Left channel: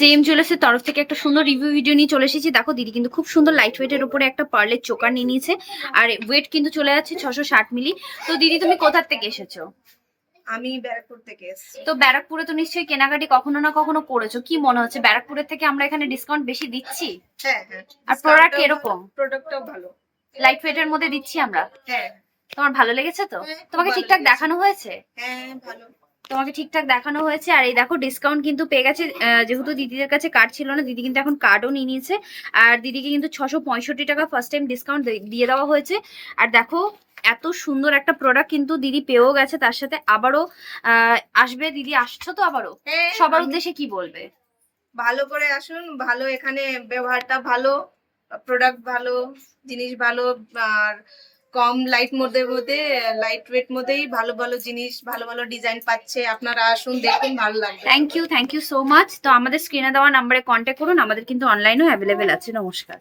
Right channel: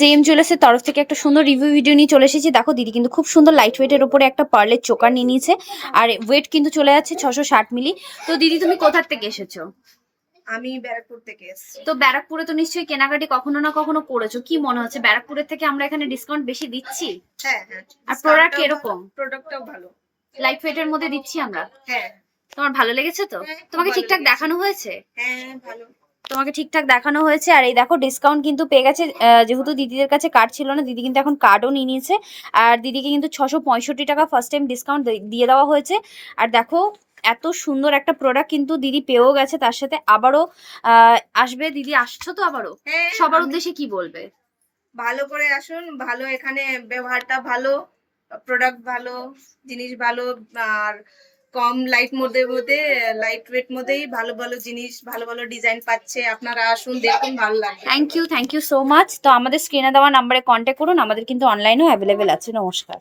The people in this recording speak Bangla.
জেএম জুয়েলার্সের তরফ থেকে একটা সুন্দর রিভিউ ভিডিও নিয়ে চলে এসেছি। দেখো দিদি কিন্তু খুব সুন্দর লাইট ওয়েটের উপরে একটা পার্লের চোকার নিয়ে নিয়েছে, আর ওয়েট কিন্তু চলে যাচ্ছে 660 মিলি। তো দিদি তুমি কোথা থেকে এসেছো? আমি ব্যারাকপুর থেকে এসেছি। তো ব্যারাকপুরে তো নিশ্চয়ই কেনাকাটি কখনো না কখনো করেছো, কি মনে হচ্ছে ব্যারাকপুরের থেকে আমরা এখানে ডিসকাউন্ট বেশি দিচ্ছি? হ্যাঁ হ্যাঁ, আর প্রোডাক্ট এরকম প্রোডাক্টটাও ভালো। লাইট ওয়েটের মধ্যে দিচ্ছি আমরা। হ্যাঁ তোমার ভালো লেগেছে তো? হ্যাঁ, খুব তোমাকে ভালো ঠিকঠাক লেগেছে। দেখানো হয়েছে? হ্যাঁ ভালো। তোমাকে ঠিকঠাক দেখানো হয়েছে। আর এই দেখো ডিসকাউন্ট কিন্তু পেয়ে গেছে, যেহেতু দিদিদের কাছে কার্ড ছিল না, দিদি কিন্তু এখন কার্ডও নিয়ে নিয়েছে। আর দিদিকে কিন্তু 665 টাকা ফার্স্ট টাইম ডিসকাউন্ট দিয়ে দেওয়া হয়েছে। আর দেখো এত সুন্দর একটা প্রোডাক্ট কিন্তু দিদি পেয়েও গেছে, তার সাথে আবারও আসবে। দিদি আসছো তো আবারও? হ্যাঁ, সবার উদ্দেশ্যে কি বলবে? ভালো করে আসুন, ভালো এখানে ব্যবহারটা ভালো, প্রোডাক্ট ভালো, জিনিস ভালো। আর কম লাইট ওয়েট মধ্যেই ভালো ভালো জিনিস, ভালো ভালো ডিজাইন পাচ্ছে। আপনারা আসুন, দেখুন, ভালো লাগবে। Thank you so much. তো আমাদের স্ক্রিনে দেওয়া নাম্বারে কন্ট্যাক্ট করুন, আমাদের কিন্তু অনলাইনেও অ্যাভেলেবেল আছে। নমস্কার।